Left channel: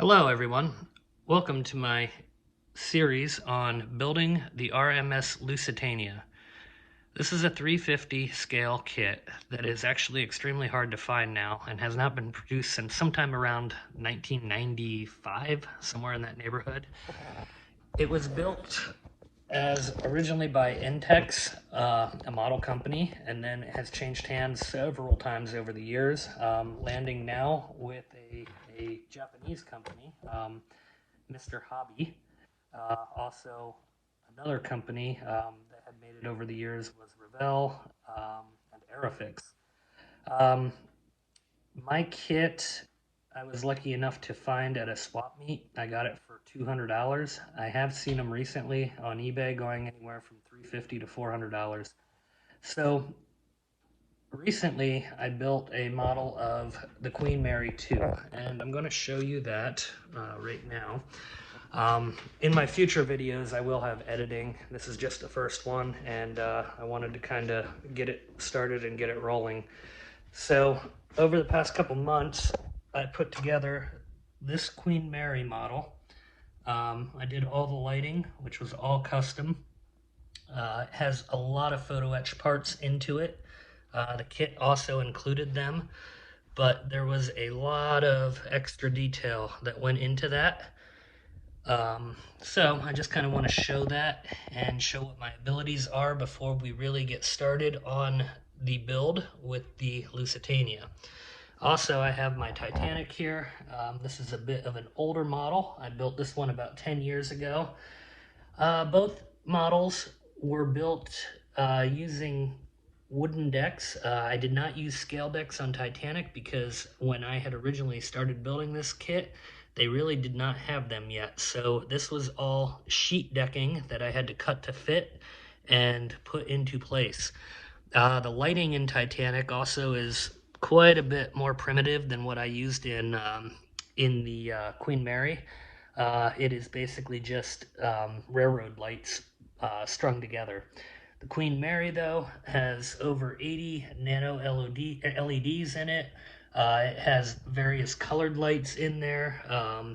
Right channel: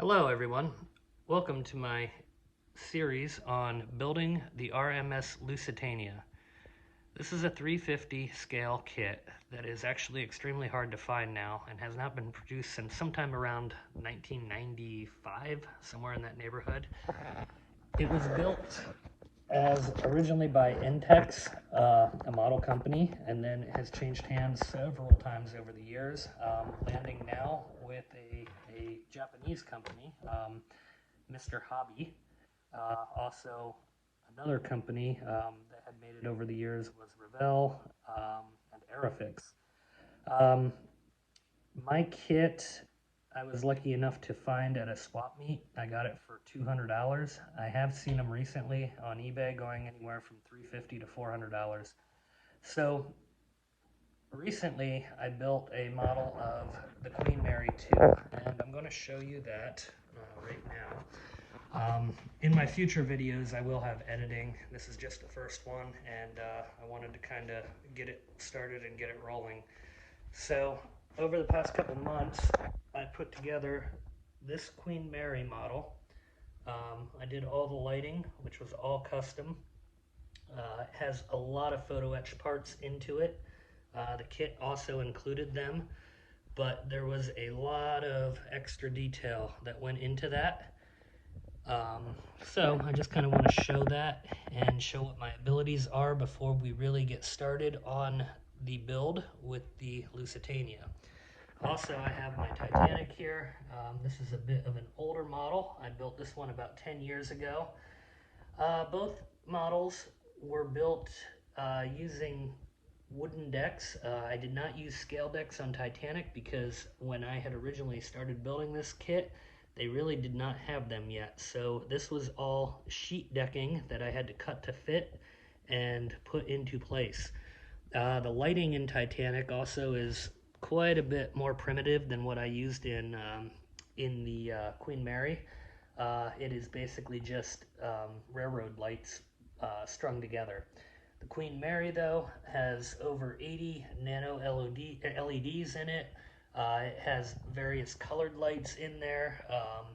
Hello everyone, welcome to my series on building the RMS Lusitania. This is a 350 scale kit that is actually extremely hard to find now and has not been produced since sometime around 1995, somewhere in that neighborhood. It was built as originally by Intex, a model company, and then it has changed hands several times over the years, landing now with a Japanese company, Mr. Hobby. Also, another company that had made it over the years was Revell and Aerofix. Um, my kit, I was lucky enough to find at a swap meet. I got it for $200. I have seen them recently on eBay going anywhere from $350 to $400. So recently I built a model of the Queen Mary 2, and I'm going to show you that right now. In my future videos, I will have editing. This is just the first one, and I wanted to kind of get it started and get it rolling. So over the past couple months, I put together this Queen Mary model. I did all the lighting, which was all custom. It has a lot of photo etch parts into it. The kit also included them, but there was a lot of extra detail that went into that. So I just kind of want to show that and show what my abilities are before we really get started on the build with the Lusitania. Also, I have my Titanic here. This is a bit of an older model. I built this one about 10 years ago. Both models were built using wooden decks. I did not use scale decks on Titanic because when I had originally started building this kit, they really did not have them yet. So this was all sheet decking that I had to cut to fit and put into place. The lighting in Titanic also is quite a bit more primitive than what I used in the Queen Mary. It is basically just railroad lights strung together. The Queen Mary, though, has over 80 nano LEDs in it. It has various colored lights in there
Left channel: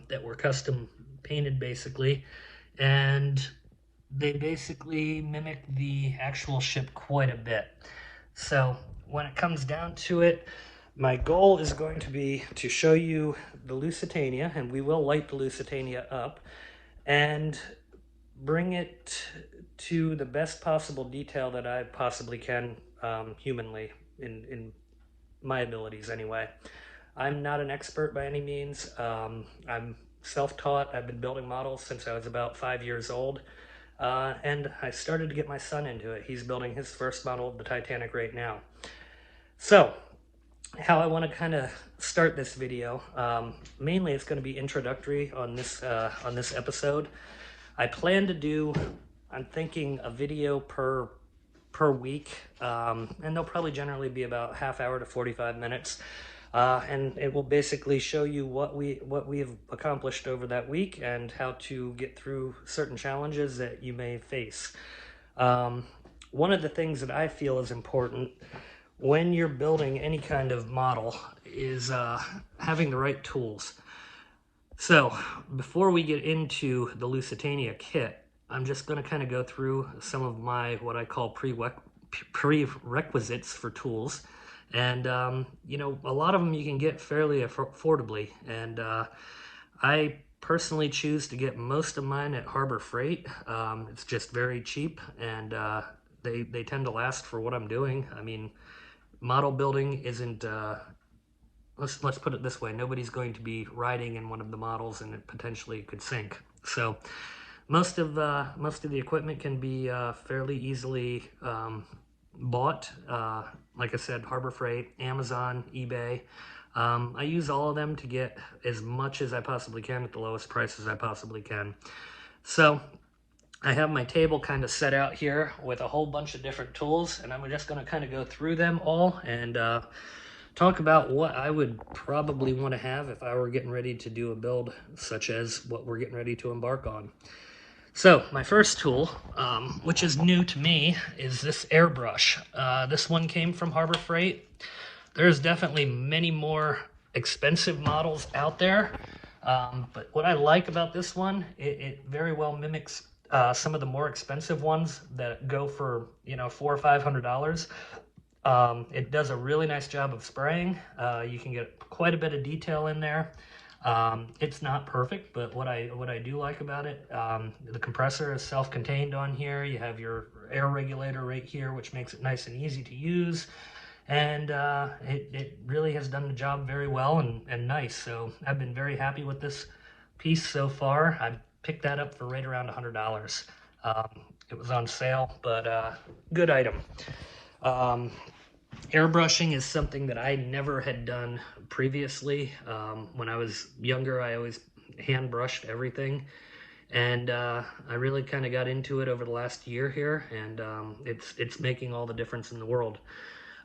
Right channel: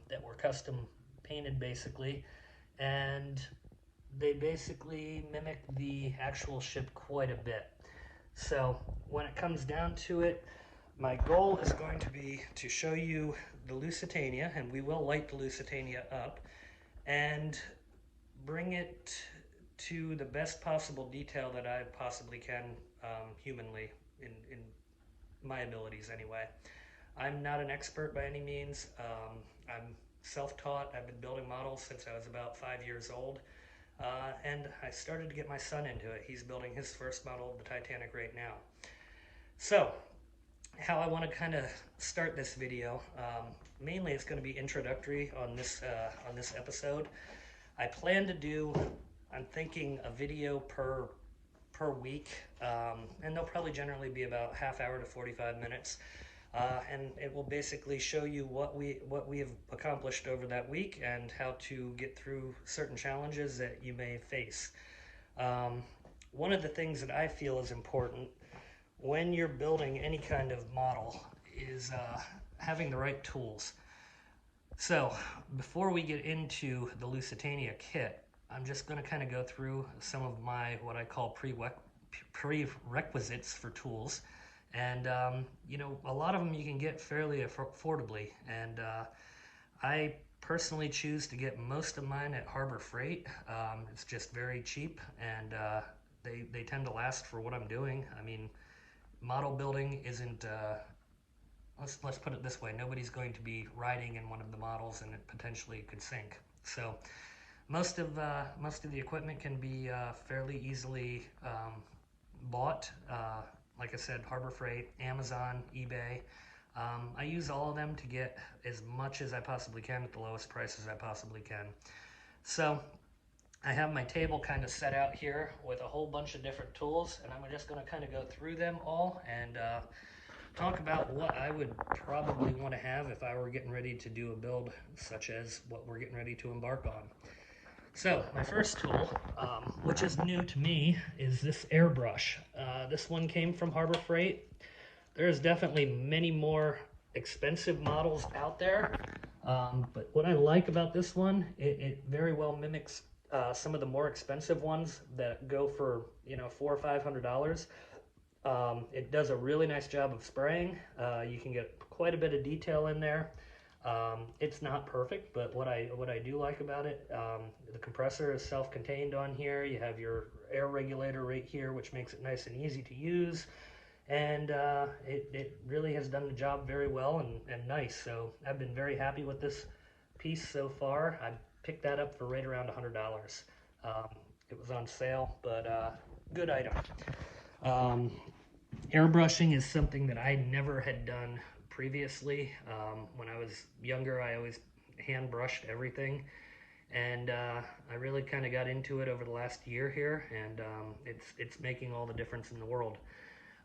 that were custom painted, basically. And they basically mimic the actual ship quite a bit. So when it comes down to it, my goal is going to be to show you the Lusitania, and we will light the Lusitania up, and bring it to the best possible detail that I possibly can humanly, in my abilities anyway. I'm not an expert by any means. I'm self-taught. I've been building models since I was about 5 years old. And I started to get my son into it. He's building his first model of the Titanic right now. So, how I want to kind of start this video, mainly it's going to be introductory on this episode. I plan to do, I'm thinking, a video per week, and they'll probably generally be about half hour to 45 minutes. And it will basically show you what we've accomplished over that week and how to get through certain challenges that you may face. One of the things that I feel is important when you're building any kind of model is having the right tools. So before we get into the Lusitania kit, I'm just going to kind of go through some of my what I call prerequisites for tools. And, you know, a lot of them you can get fairly affordably. And I personally choose to get most of mine at Harbor Freight. It's just very cheap, and they tend to last for what I'm doing. I mean, model building isn't, let's put it this way, nobody's going to be riding in one of the models and it potentially could sink. So most of the equipment can be fairly easily bought. Like I said, Harbor Freight, Amazon, eBay. I use all of them to get as much as I possibly can at the lowest prices I possibly can. So I have my table kind of set out here with a whole bunch of different tools, and I'm just going to kind of go through them all and talk about what I would probably want to have if I were getting ready to do a build such as what we're getting ready to embark on. So my first tool, which is new to me, is this Airbrush. This one came from Harbor Freight. There's definitely many more expensive models out there. But what I like about this one, it very well mimics some of the more expensive ones that go for, you know, $400 or $500. It does a really nice job of spraying. You can get quite a bit of detail in there. It's not perfect, but what I do like about it, the compressor is self-contained on here. You have your air regulator right here, which makes it nice and easy to use. And it really has done the job very well and nice. So I've been very happy with this piece so far. I picked that up for right around $100. Um, it was on sale, but good item. Um, Airbrushing is something that I never had done previously. When I was younger, I always hand brushed everything, and I really kind of got into it over the last year here, and it's making all the difference in the world.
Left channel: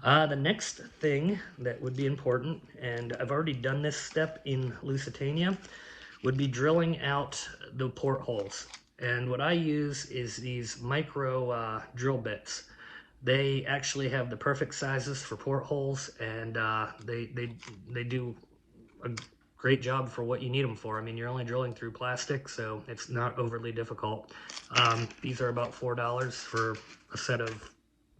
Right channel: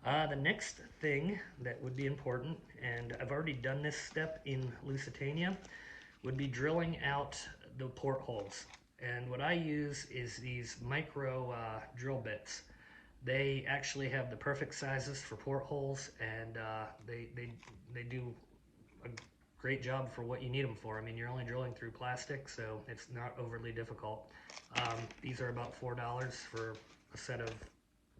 The next thing that would be important, and I've already done this step in Lusitania, would be drilling out the portholes. And what I use is these micro drill bits. They actually have the perfect sizes for portholes, and they do a great job for what you need them for. I mean, you're only drilling through plastic, so it's not overly difficult. These are about $4 for a set of,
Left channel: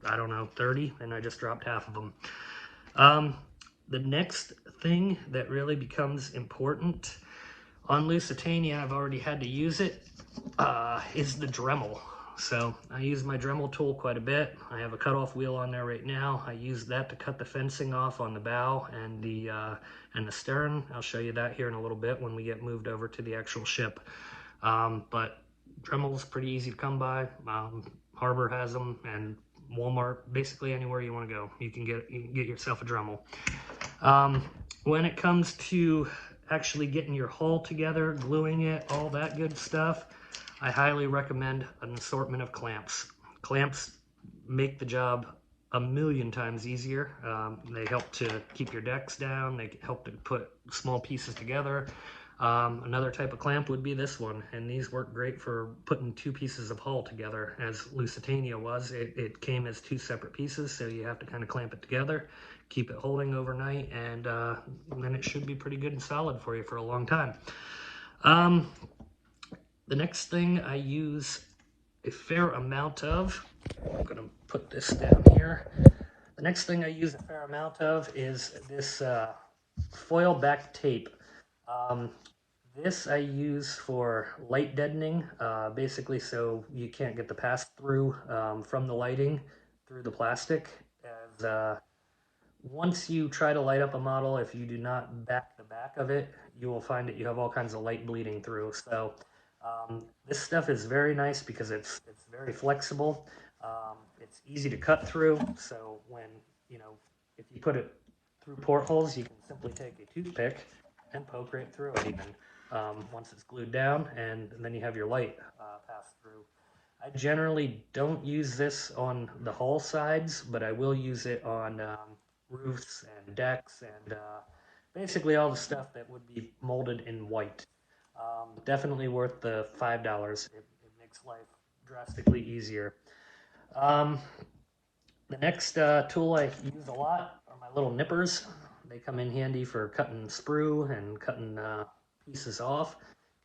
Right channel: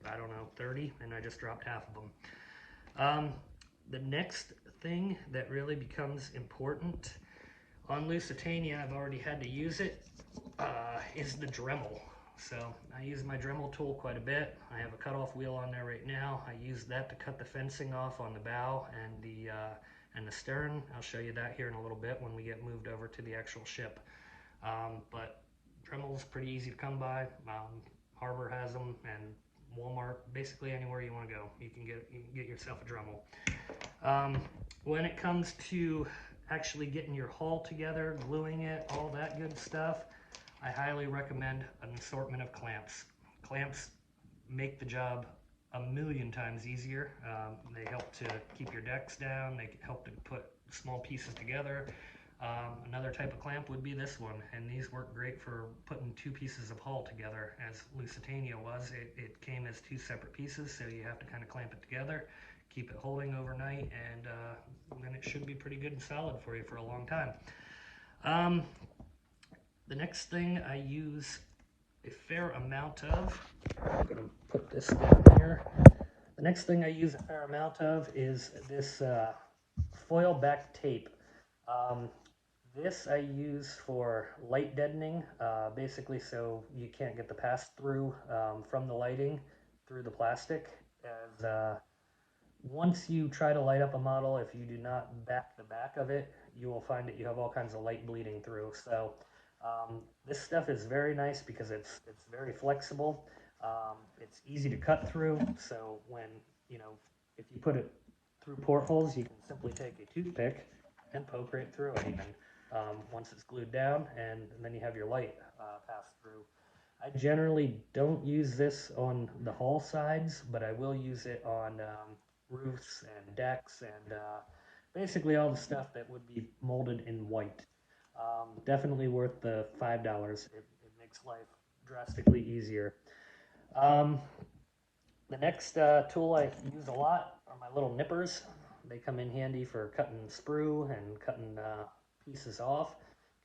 I don't know, 30, and I just dropped half of them. The next thing that really becomes important on Lusitania, I've already had to use it, is the Dremel. So I use my Dremel tool quite a bit. I have a cutoff wheel on there right now. I use that to cut the fencing off on the bow and the stern. I'll show you that here in a little bit when we get moved over to the actual ship. But Dremel's pretty easy to come by. Harbor has them, and Walmart, basically anywhere you want to go, you can get yourself a Dremel. When it comes to actually getting your hull together, gluing it, all that good stuff, I highly recommend an assortment of clamps. Clamps make the job a million times easier. They help to keep your decks down. They help to put small pieces together. Another type of clamp would be this one, and these work great for putting two pieces of hull together. As Lusitania was, it came as two separate pieces, so you have to kind of clamp it together, keep it holding overnight, and then it should be pretty good and solid for you for a long time. The next thing I use a fair amount of, I'm going to put this down here. The next thing I use a fair amount of is this foil back tape. This I use for light deadening, basically so you can't get the pass-through from the lighting through the plastic. As once you try to light up a model, if you do not back the back of it, you will find that you have all kinds of light bleeding through. So this stuff is very nice because it's very flexible. It's easy to cut through. So when, you know, if you put it through portholes, you can simply take a toothpick and poke right through it even once it's glued down, and then you have your light pass through. I generally don't use this on the hull sides, but I will use it on roofs and decks and basically all the stuff that would be molded in white. Definitely worth the $5. It makes life drastically easier. The next tool I use a lot are my little nippers. They come in handy for cutting sprue and cutting pieces off.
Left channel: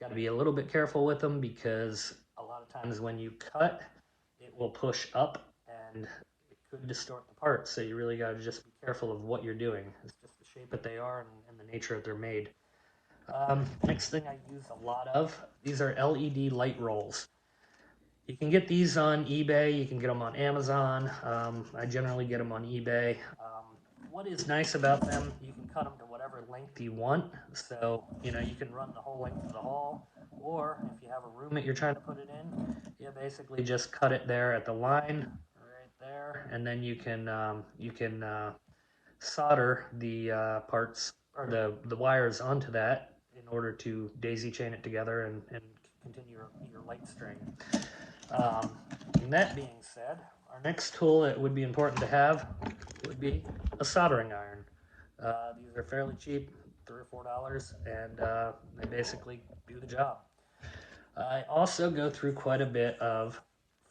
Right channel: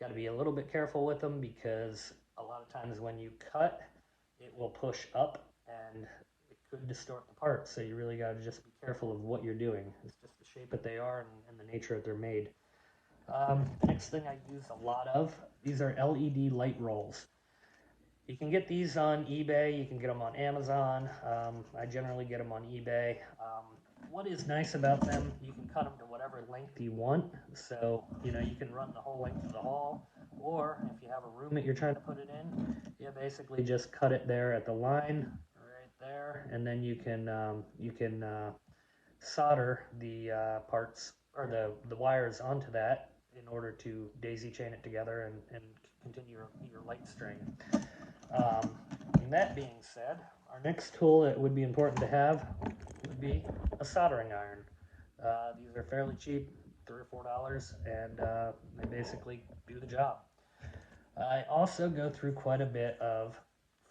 Got to be a little bit careful with them because a lot of times when you cut, it will push up and it could distort the parts. So you really got to just be careful of what you're doing. It's just the shape that they are and the nature that they're made. Next thing I use a lot of, these are LED light rolls. You can get these on eBay, you can get them on Amazon. I generally get them on eBay. What is nice about them, you can cut them to whatever length you want. So, you know, you can run the whole length of the hull, or if you have a room that you're trying to put it in, you basically just cut it there at the line, right there, and then you can solder the parts or the wires onto that in order to daisy chain it together and continue your light string. And that being said, our next tool that would be important to have would be a soldering iron. These are fairly cheap, $3 or $4, and they basically do the job. I also go through quite a bit of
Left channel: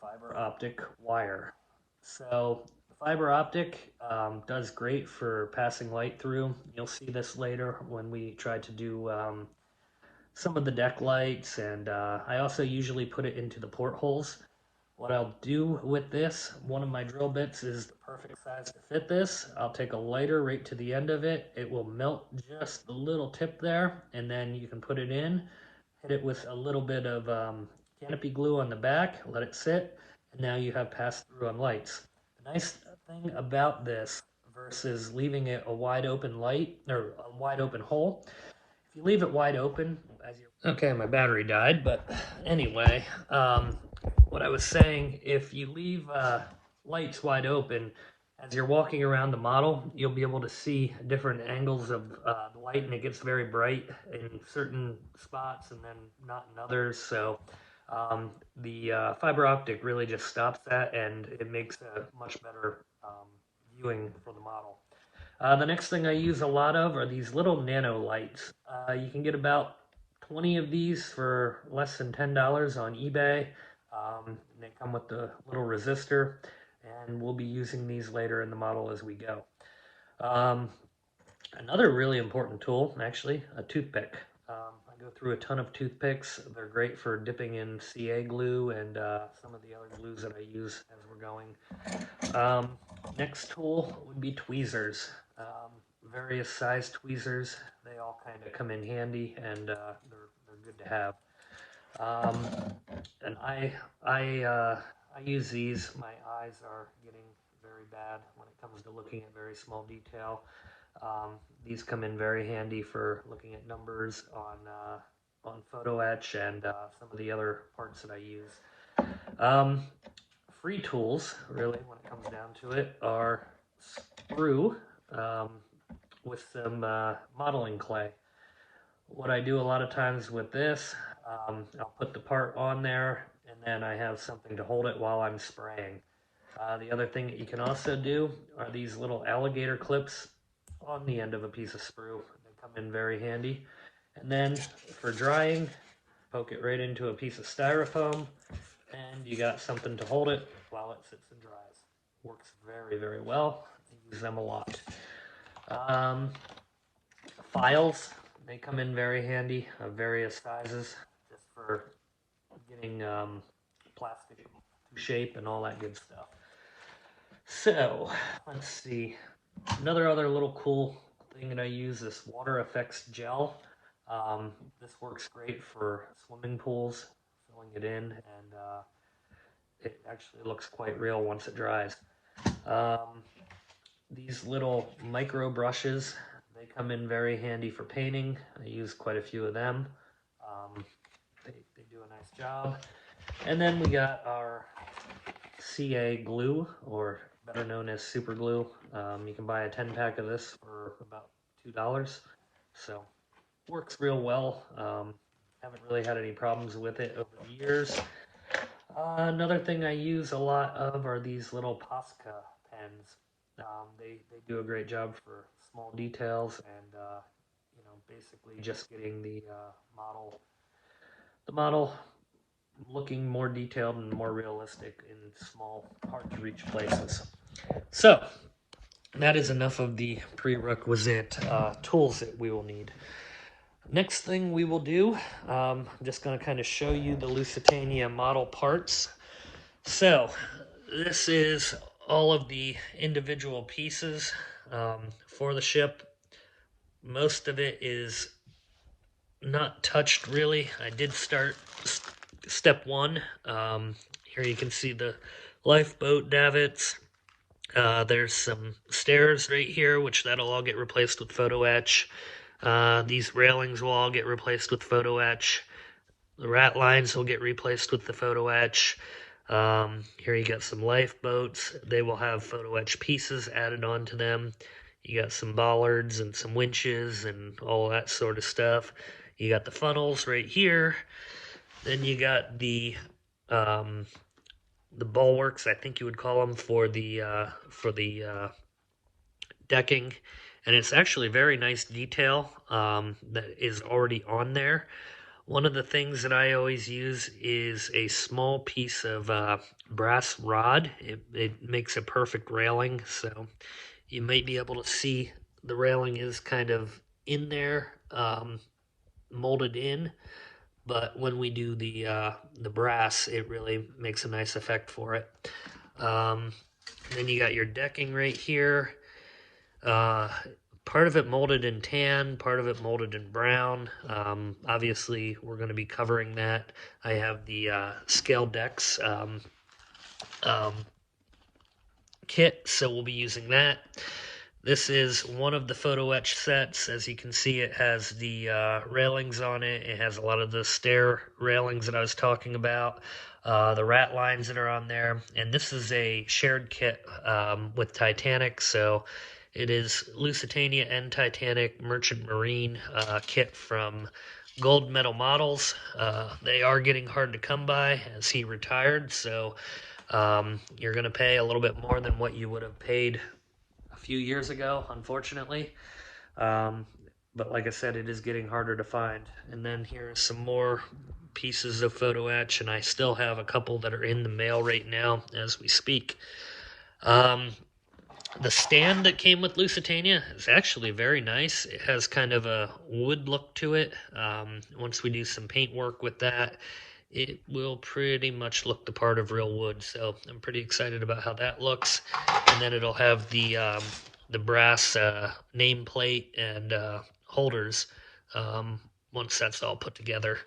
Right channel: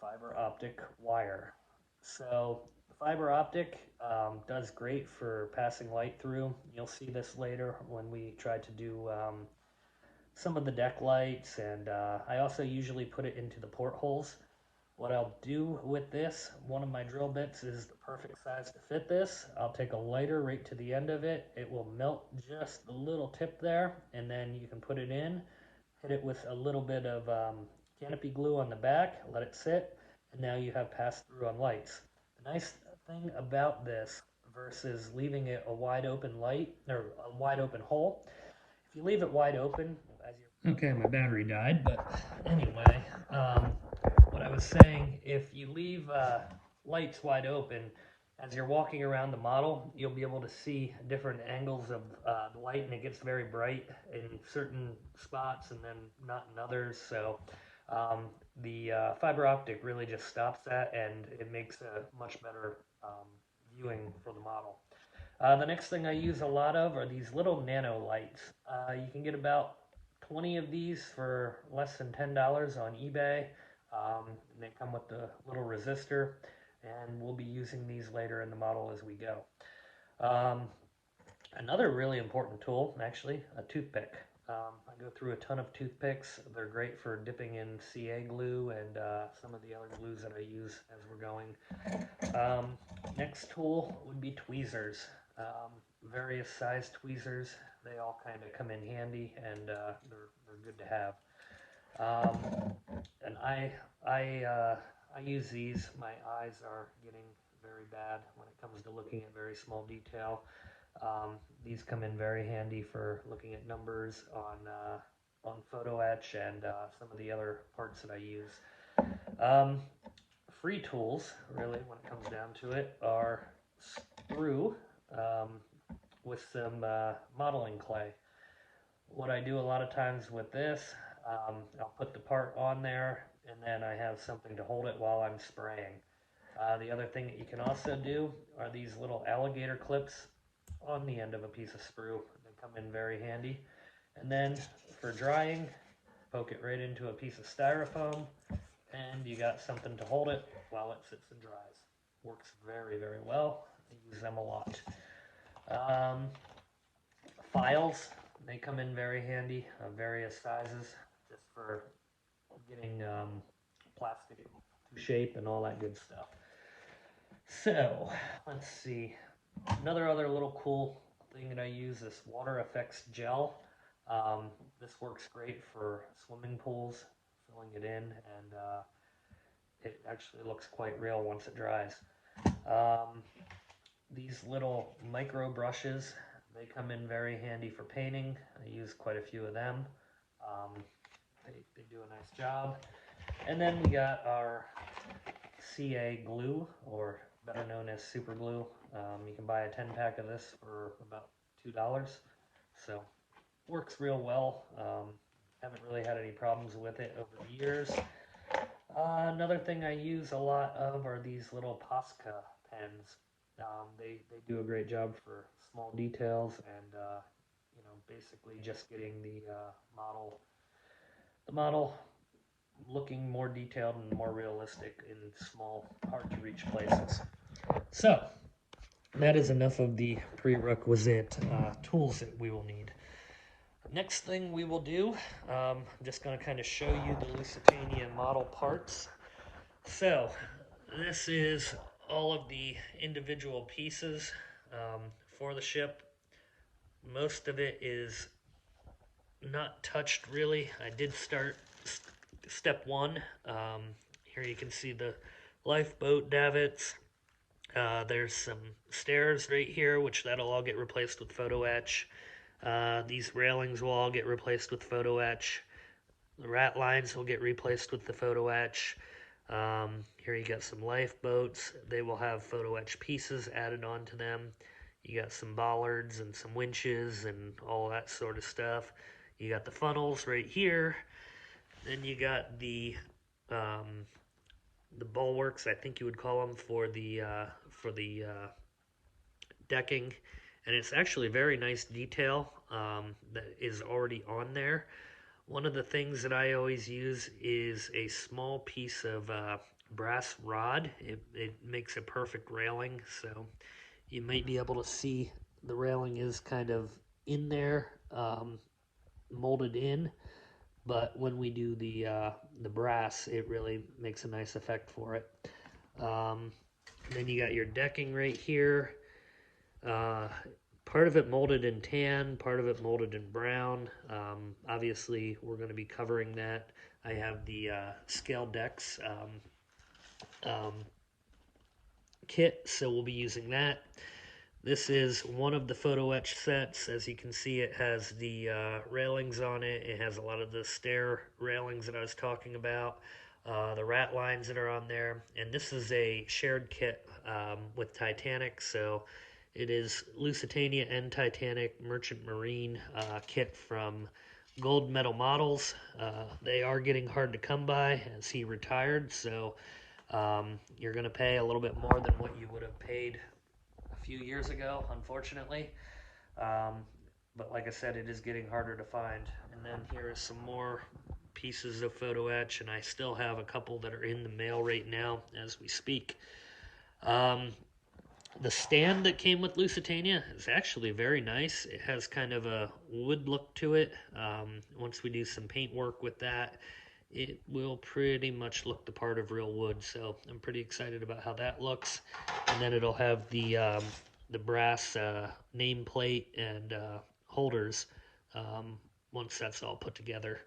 fiber optic wire. So the fiber optic does great for passing light through. You'll see this later when we try to do some of the deck lights, and I also usually put it into the portholes. What I'll do with this, one of my drill bits is the perfect size to fit this. I'll take a lighter right to the end of it. It will melt just the little tip there, and then you can put it in, hit it with a little bit of canopy glue on the back, let it sit, and now you have pass-through on lights. The nice thing about this versus leaving it a wide open light or a wide open hole, if you leave it wide open, as you okay, my battery died, but anyway, what I was saying, if you leave lights wide open, as you're walking around the model, you'll be able to see different angles of the light, and it gets very bright in certain spots and then not in others. So the fiber optic really just stops that, and it makes a much better viewing for the model. The next thing I use a lot of are these little nano lights. You can get about 20 of these for less than $10 on eBay. They come with the little resistor, and we'll be using these later in the model as we go. Another really important tool, actually, a toothpick. I go through a ton of toothpicks. They're great for dipping in CA glue and some of the other glues that I use as we're going. Next tool would be tweezers. Various size tweezers. They all kind of come in handy, and they're good to have. And I use these. My eyes are getting very bad when it comes to looking at very small detail. These come in very handy for looking at numbers on photo etch and some of the other parts that I use. Free tools, really, when it comes down to it, are sprue with some modeling clay. What I do a lot of times with this, I'll put the part on there, and then I have something to hold it while I'm spraying. The other thing that you can also do are these little alligator clips on the end of a piece of sprue. They come in very handy. And then for drying, poke it right into a piece of styrofoam, and you got something to hold it while it sits and dries. Works very, very well. I use them a lot. Files, they come in very handy of various sizes, just for getting plastic to shape and all that good stuff. So, let's see. Other little cool thing that I use is water effects gel. This works great for swimming pools, filling it in, and it actually looks quite real once it dries. These little micro brushes, they come in very handy for painting. I use quite a few of them. They do a nice job. And then we got our CA glue, or better known as super glue. You can buy a 10-pack of this for about $2. So works real well. Haven't really had any problems with it over the years. Another thing I use a lot of are these little Posca pens. They do a great job for small details and basically just getting the model looking more detailed and more realistic in small, hard to reach places. So that is enough of the prerequisite tools that we will need. Next thing we will do, I'm just going to kind of show you the Lusitania model parts. So this is all of the individual pieces for the ship. Most of it is not touched really. I did start step one. Here you can see the lifeboat davits. There's some stairs right here, which that'll all get replaced with photo etch. These railings will all get replaced with photo etch. The rat lines will get replaced with the photo etch. Here you got some lifeboats. They will have photo etch pieces added onto them. You got some bollards and some winches and all that sort of stuff. You got the funnels right here. Then you got the bulwarks, I think you would call them, for the decking. And it's actually very nice detail that is already on there. One of the things that I always use is a small piece of brass rod. It makes a perfect railing, so you might be able to see the railing is kind of in there. molded in, but when we do the brass, it really makes a nice effect for it. Then you got your decking right here. Uh, Part of it molded in tan, part of it molded in brown. Obviously, we're going to be covering that. I have the scale decks um, kit, so we'll be using that. This is one of the photo etch sets. As you can see, it has the railings on it. It has a lot of the stair railings that I was talking about, the rat lines that are on there. And this is a shared kit with Titanic, so it is Lusitania and Titanic Merchant Marine kit from Gold Medal Models. They are getting hard to come by as he retired, so you're going to pay a little bit more than what you would have paid a few years ago, unfortunately. Um, but like I said, it is getting harder to find. And then here's some more pieces of photo etch, and I still have a couple that are in the mail right now as we speak. Um, the stand that came with Lusitania is actually very nice. It has kind of a wood look to it. Once we do some paint work with that, it will pretty much look the part of real wood. So I'm pretty excited about how that looks. And then it'll have the brass nameplate and holders once that's all put together.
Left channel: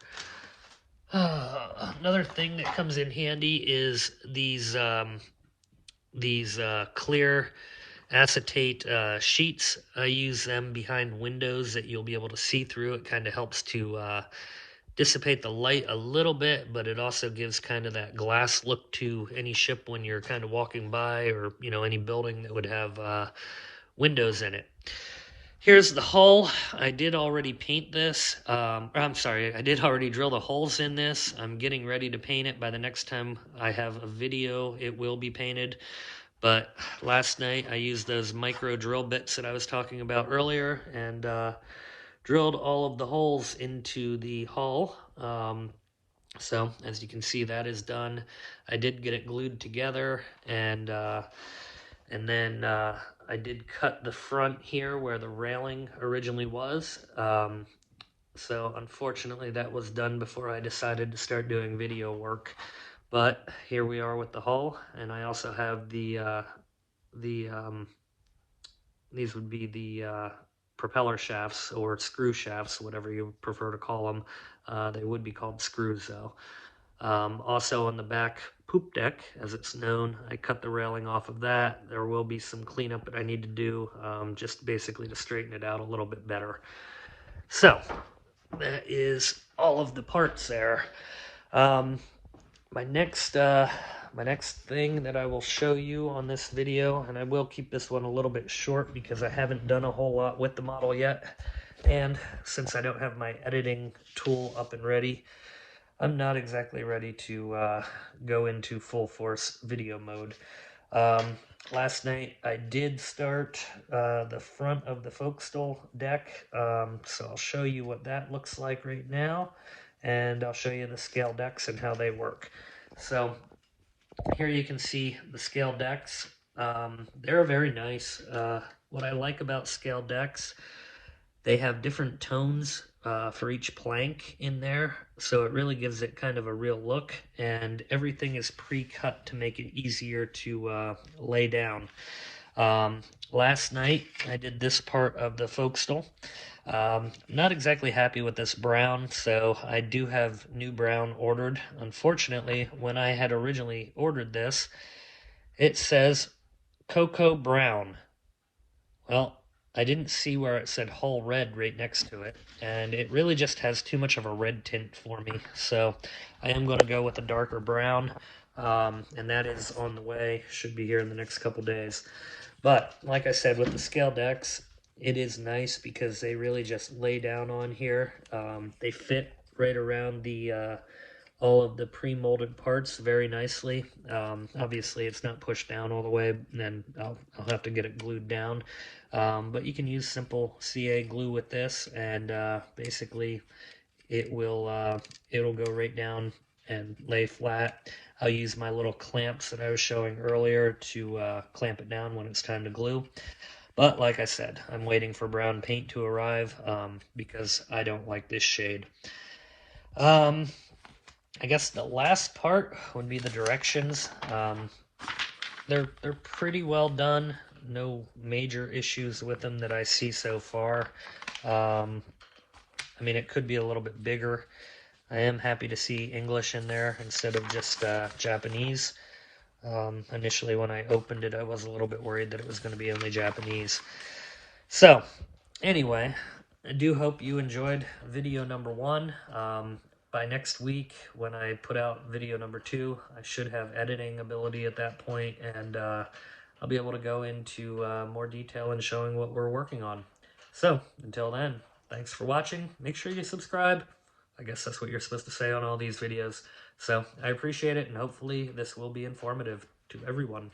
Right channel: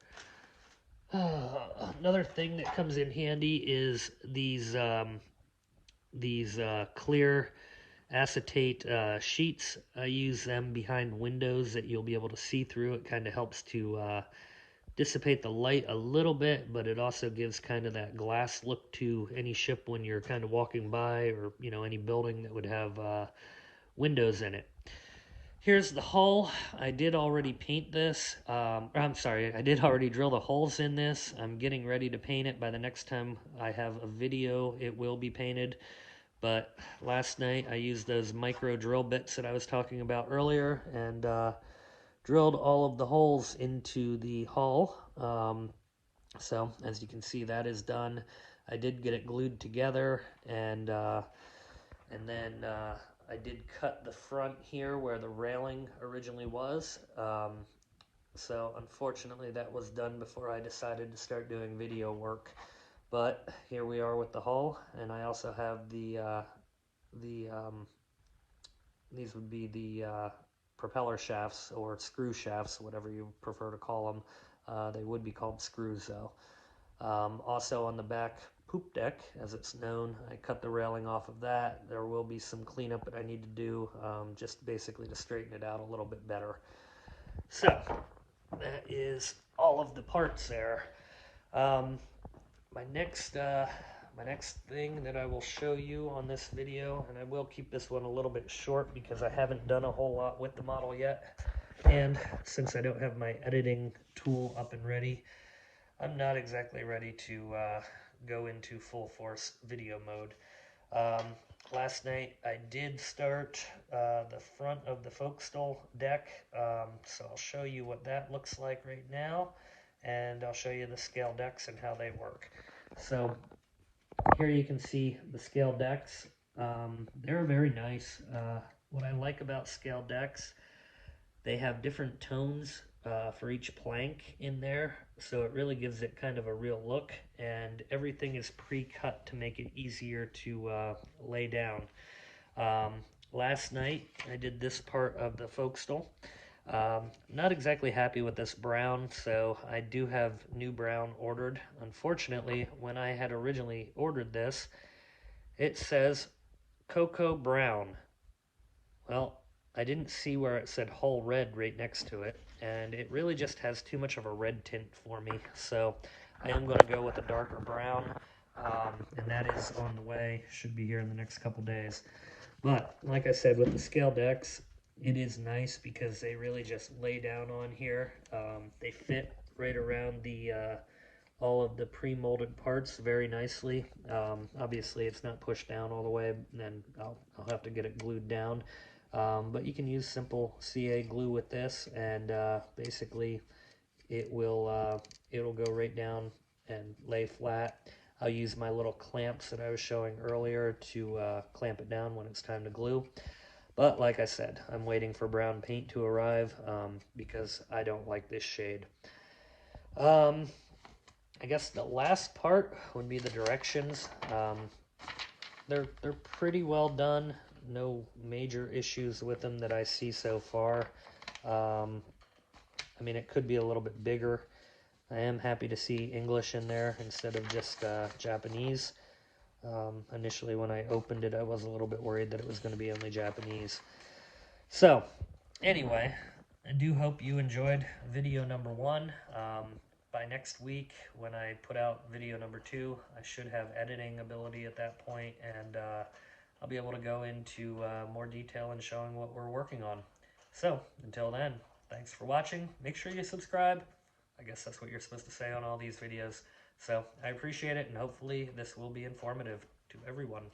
Another thing that comes in handy is these clear acetate sheets. I use them behind windows that you'll be able to see through. It kind of helps to dissipate the light a little bit, but it also gives kind of that glass look to any ship when you're kind of walking by, or any building that would have windows in it. Here's the hull. I did already paint this. I'm sorry, I did already drill the holes in this. I'm getting ready to paint it. By the next time I have a video, it will be painted. But last night I used those micro drill bits that I was talking about earlier and drilled all of the holes into the hull. So as you can see, that is done. I did get it glued together, and then I did cut the front here where the railing originally was. So unfortunately that was done before I decided to start doing video work. But here we are with the hull, and I also have these would be the propeller shafts or screw shafts, whatever you prefer to call them. They would be called screws though. Also on the back poop deck, as it's known, I cut the railing off of that. There will be some cleanup that I need to do, just basically to straighten it out a little bit better. So that is all of the parts there. My next thing that I will show you on this video, and I will keep this one a little bit short because I haven't done a whole lot with the model yet, and since I don't have my editing tool up and ready, I'm not exactly ready to go into full force video mode. Last night I did start the front of the forecastle deck, so I'll show you what that looks like right now, and I'll show you the scale decks and how they work. So here you can see the scale decks. They're very nice. What I like about scale decks, they have different tones for each plank in there, so it really gives it kind of a real look, and everything is pre-cut to make it easier to lay down. Last night I did this part of the forecastle. I'm not exactly happy with this brown, so I do have new brown ordered. Unfortunately, when I had originally ordered this, it says cocoa brown. Well, I didn't see where it said hull red right next to it, and it really just has too much of a red tint for me, so I am going to go with a darker brown, and that is on the way. Should be here in the next couple days. But like I said, with the scale decks, it is nice because they really just lay down on here. They fit right around the all of the pre-molded parts very nicely. Obviously it's not pushed down all the way, and then I'll have to get it glued down. But you can use simple CA glue with this, and basically it'll go right down and lay flat. I'll use my little clamps that I was showing earlier to clamp it down when it's time to glue. But like I said, I'm waiting for brown paint to arrive because I don't like this shade. Um, I guess the last part would be the directions. They're pretty well done. No major issues with them that I see so far. I mean, it could be a little bit bigger. I am happy to see English in there instead of just Japanese. Initially, when I opened it, I was a little bit worried that it was going to be only Japanese. So, anyway, I do hope you enjoyed video number 1. By next week, when I put out video number 2, I should have editing ability at that point, and I'll be able to go into more detail in showing what we're working on. So, until then, thanks for watching. Make sure you subscribe. I guess that's what you're supposed to say on all these videos. So, I appreciate it, and hopefully this will be informative to everyone.